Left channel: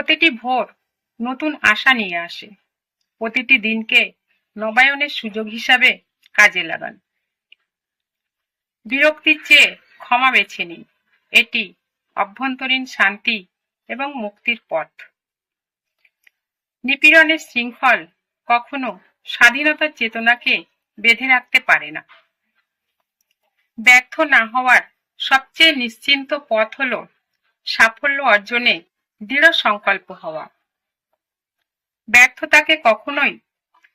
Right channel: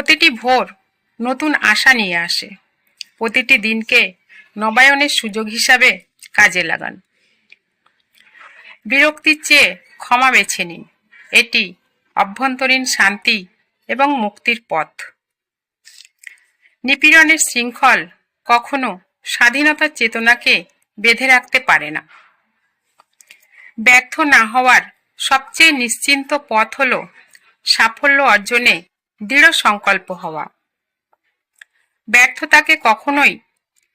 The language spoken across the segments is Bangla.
প্রতিটি ভোর নতুন আশা নিয়ে আসে। প্রতিটি দিনকে নবায়নের সুযোগ হিসাবে কাজে লাগান। বিরক্তির চেয়ে ক্ষমা বেছে নিন। এটি অভ্যন্তরীণ শান্তি এবং মুক্তির পথ। নিপীড়নের শৃঙ্খল কখনো স্বাধীনতার চেতনাকে বেঁধে রাখতে পারে না। ব্যর্থ না হওয়ার সবচেয়ে নিশ্চিন্ত পথ হল সাফল্য অর্জনে দৃঢ় সংকল্প হওয়া। ব্যর্থতাকে কখনোই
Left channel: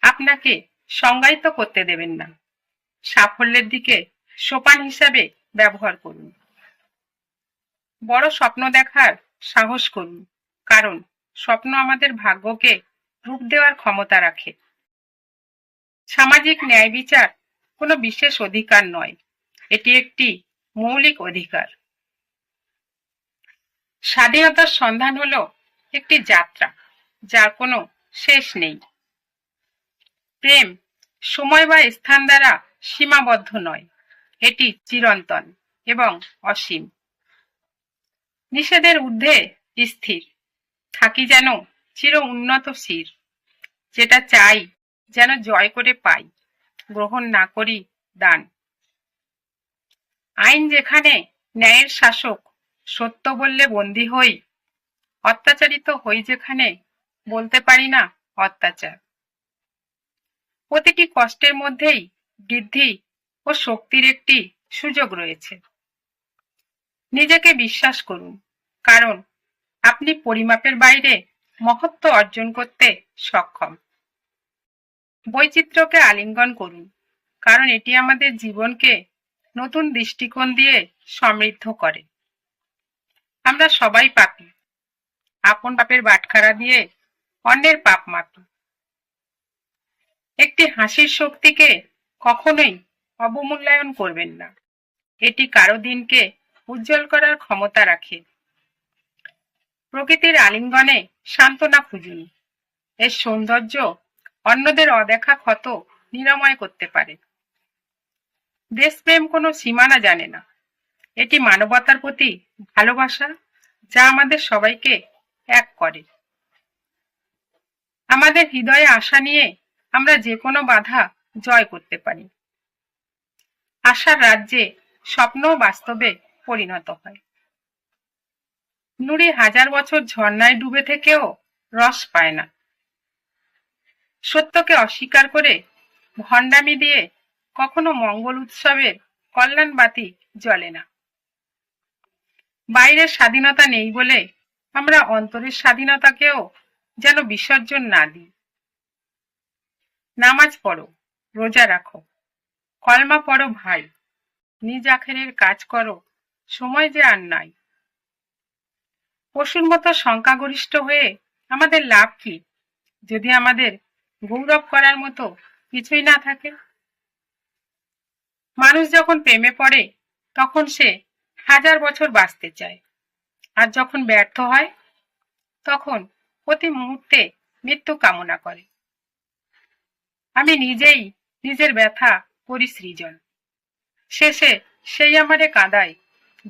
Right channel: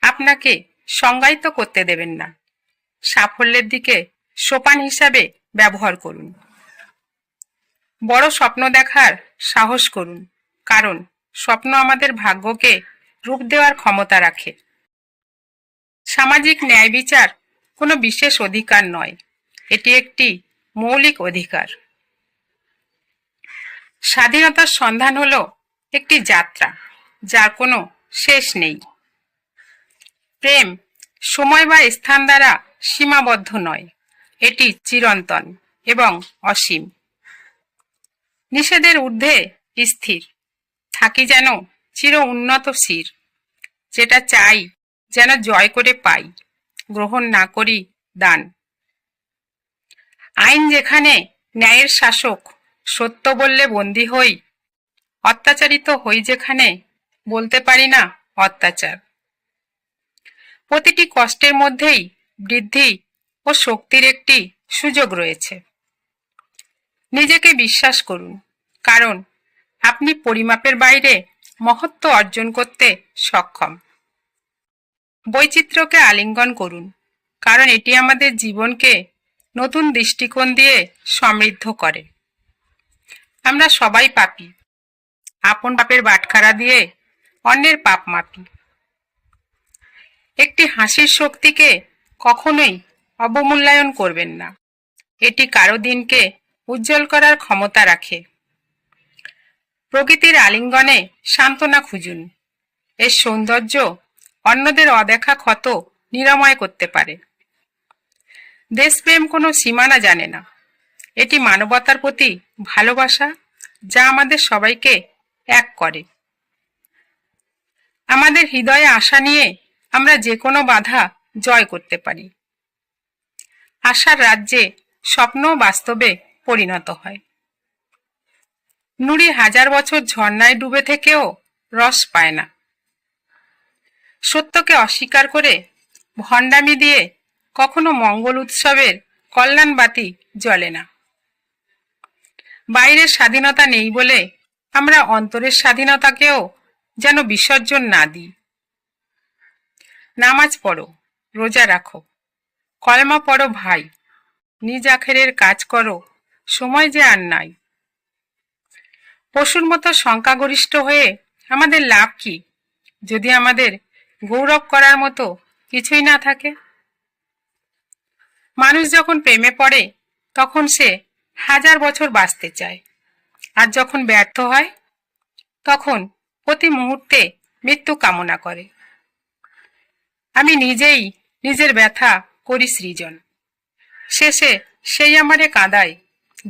আপনাকে সংজ্ঞায়িত করতে দেবেন না। সাফল্যের দিকে সোপান হিসাবে ব্যবহার করুন। বড় স্বপ্ন দেখার সাহস করুন, কারণ স্বপ্ন আমাদের ভাগ্যকে রূপ দেওয়ার ক্ষমতা রাখে। সামাজিক ন্যায় বিচার কোনো বিশেষ অধিকার নয়, এটি একটি মৌলিক অধিকার। স্বাধীনতার সন্ধান হলো একটি যাত্রা যার কোনো শেষ নেই। প্রেম সময় বা স্থান দ্বারা সীমাবদ্ধ নয়, এটি চিরন্তন এবং অসীম। নিষেধের ঊর্ধ্বে স্থির থাকি যেন চির উন্নত শির। যেটা চাই যেন জয় করে পাই, গ্রহণ না করি দান। আইন যেখানে ন্যায়ের শাসক, সত্য বললে বন্দী হই। অত্যাচারিত হই যেখানে, বলতে পারি না অত্যাচার। প্রতিটি কষ্টের মধ্যেই বৃদ্ধি ও শক্তির একটি সুযোগ রয়েছে। নিজেকে বিশ্বাস করুন, কারণ আপনি পরিমাপের বাইরে মহত্ব অর্জন করতে সক্ষম। বৈচিত্র্যকে আলিঙ্গন করুন, কারণ এটি আমাদের জীবনকে নতুন দৃষ্টিকোণ দিয়ে সমৃদ্ধ করে। আমরা সবাই পাপী, আপন পাপের বাটখারা দিয়ে অন্যের পাপ মাপি। একটি হাসির শক্তিকে কখনোই অবমূল্যায়ন করবেন না, এটি কারো দিনকে উজ্জ্বল করার ক্ষমতা রাখে। প্রকৃতির আলিঙ্গনে সান্ত্বনা খুঁজুন, এর সৌন্দর্য অন্যদের অদেখা ক্ষত নিরাময় করতে পারে। দেশপ্রেম কোনো সীমানা জানে না, এটি মানবতার প্রতি ভালোবাসা যা আমাদের সবাইকে এক করে। আমাদের হৃদয়ে আশা নিয়ে আমরা যে কোনো বাধা জয় করতে পারি। আশার রাজ্যে স্বপ্ন বাস্তবে পরিণত হয়। নুড়ি 1000 বছর ঝর্ণায় ডুবে থেকেও রস পায় না। সত্যকে অস্বীকার করে ভণ্ডামি দিয়ে কখনো মঙ্গল উৎসবের কল্যাণ বাতি জ্বলে না। বাইরের স্বাধীনতা নেই বলে আমরা অন্তরের স্বাধীনতাকেও যেন বিসর্জন না দিই। নামাজ পড়ো, রোজা রাখো, কলমা পড়ো ভাই, নিজ আখেরের কাজ করো, সময় যে আর নাই। পশুর মতো সংখ্যাগরিষ্ঠ হয়ে আমাদের লাভ কি, যদি আমাদের গৌরব করার মতো কিছুই না থাকে? মানুষ যখন প্রেমে পড়ে তখন সে 1000 বছর বাঁচতে চায়, আর যখন ব্যর্থ হয় তখন প্রতি মুহূর্তে মৃত্যু কামনা করে। আমি নিজেই নিজের ব্যথা করি সৃজন, শেষে সেই আমারে কাঁদায়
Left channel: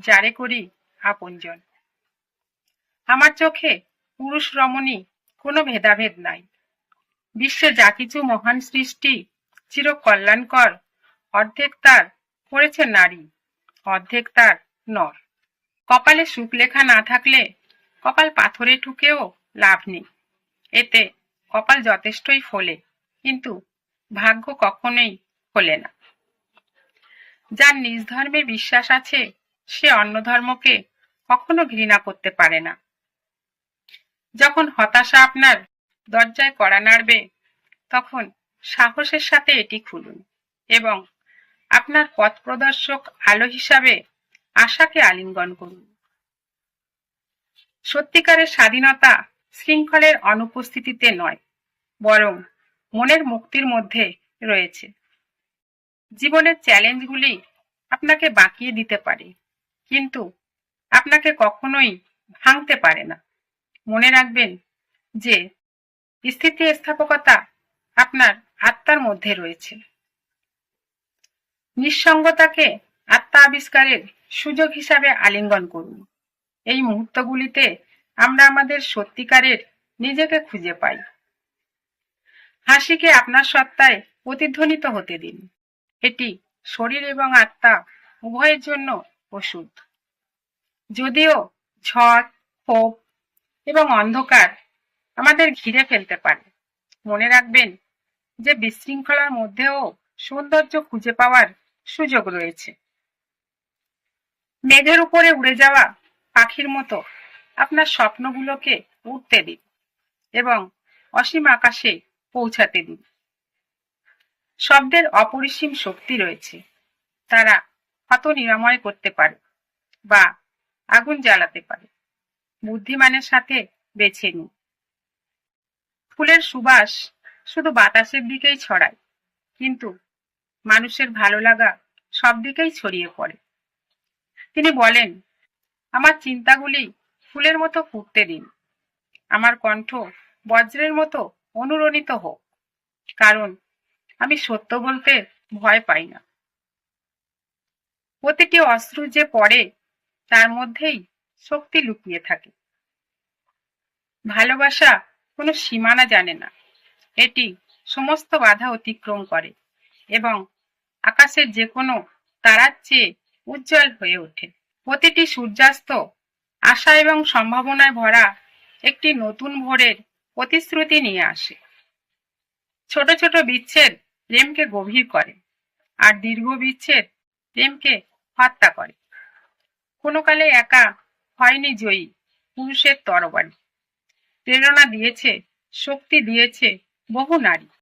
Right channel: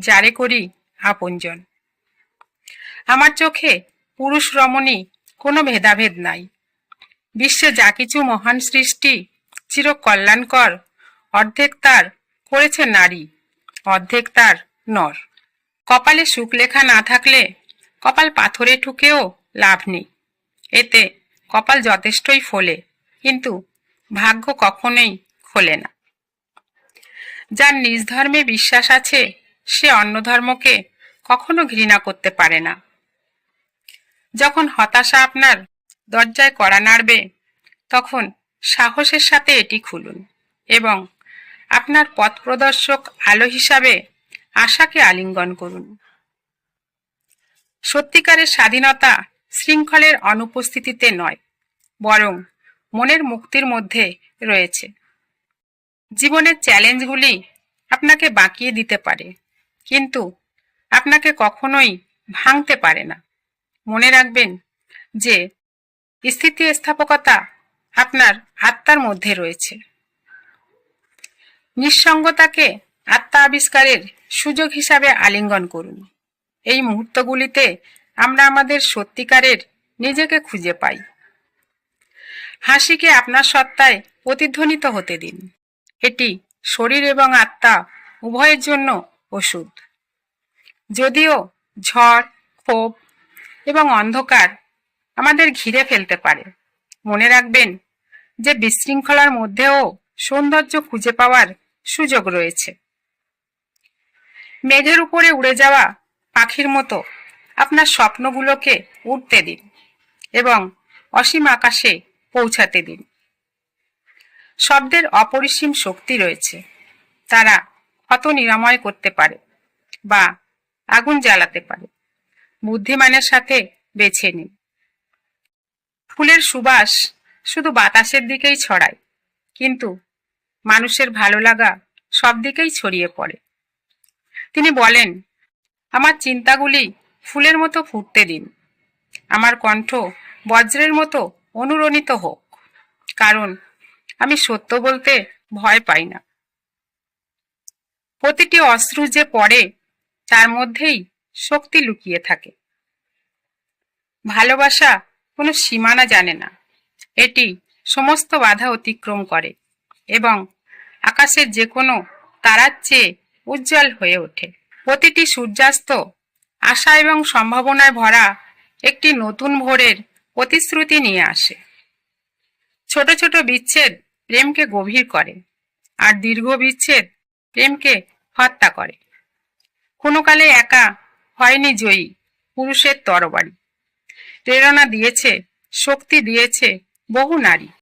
যারে করি আপনজন। আমার চোখে পুরুষ রমণী কোনো ভেদাভেদ নাই। বিশ্বে যা কিছু মহান সৃষ্টি চির কল্যাণকর, অর্ধেক তার করেছে নারী, অর্ধেক তার নর। কপালে সুখ লেখা না থাকলে কপাল পাথরে ঠুকেও লাভ নেই, এতে কপাল যথেষ্টই ফোলে, কিন্তু ভাগ্য কখনোই খোলে না। যার নিজ ধর্মে বিশ্বাস আছে সে অন্য ধর্মকে কখনো ঘৃণা করতে পারে না। যখন হতাশা আপনার দরজায় কড়া নাড়বে তখন সাহসের সাথে এটি খুলুন এবং আপনার পথ প্রদর্শক আলো হিসাবে আশাকে আলিঙ্গন করুন। সত্যিকারের স্বাধীনতা শৃঙ্খলের অনুপস্থিতিতে নয়, বরং মনের মুক্তির মধ্যে রয়েছে। জীবনের চ্যালেঞ্জগুলি আপনাকে বাঁকিয়ে দিতে পারে, কিন্তু আপনাকে কখনোই ভাঙতে পারে না। মনে রাখবেন যে স্থিতিস্থাপকতা আপনার আত্মার মধ্যে রয়েছে। নিঃসঙ্গতাকে আত্মা আবিষ্কারের সুযোগ হিসাবে আলিঙ্গন করুন। এই মুহূর্তগুলিতে আমরা আমাদের সত্যিকারের নিজেকে খুঁজে পাই। হাসিকে আপনার সত্তায় প্রতিধ্বনিত হতে দিন। এটি শরীর এবং আত্মা উভয়ের জন্য ওষুধ। যদিও ঝড়, ক্ষোভ এবং অন্ধকার আমাদের ঘিরে ফেলতে পারে, মনে রাখবেন যে বিশৃঙ্খলার মধ্যেও সৌন্দর্য খুঁজে পাওয়ার সুযোগ রয়েছে। মেঘের উপরে উড়ে যাওয়া পাখির মতো আপনার স্বপ্নগুলোকে উড়তে দিন এবং অসীম আকাশে পৌঁছাতে দিন। শব্দের অপরিসীম শক্তি রয়েছে। তারা ক্ষত নিরাময় করতে পারে বা আগুন জ্বালাতে পারে। বুদ্ধিমানের সাথে বেছে নিন। ফুলের সুবাস শুধু বাতাসের দিকেই ছড়ায়, কিন্তু মানুষের ভালো লাগা সব দিকেই ছড়িয়ে পড়ে। তিনি বলেন, আমার চিন্তাগুলি ফুলের মতো ফুটতে দিন, আমার কণ্ঠ বজ্রের মতো অনুরণিত হোক, কারণ আমি সত্য বলতে ভয় পাই না। প্রতিটি অশ্রু যে পড়ে তার মধ্যেই শক্তি লুকিয়ে থাকে। ভালোবাসা কোনো সীমানা জানে না। এটি সমস্ত বাধা অতিক্রম করে এবং আকাশের যে কোনো তারার চেয়ে উজ্জ্বল হয়ে ওঠে। প্রতিটি সূর্যাস্ত আশা এবং সম্ভাবনায় ভরা একটি নতুন ভোরের প্রতিশ্রুতি নিয়ে আসে। ছোট ছোট বিচ্ছেদ প্রেমকে গভীর করে, আর দীর্ঘ বিচ্ছেদ প্রেমকে হত্যা করে। কোনো কালে একা হয়নি জয়ী পুরুষের তরবারি। প্রেরণা দিয়েছে, শক্তি দিয়েছে বহু নারী।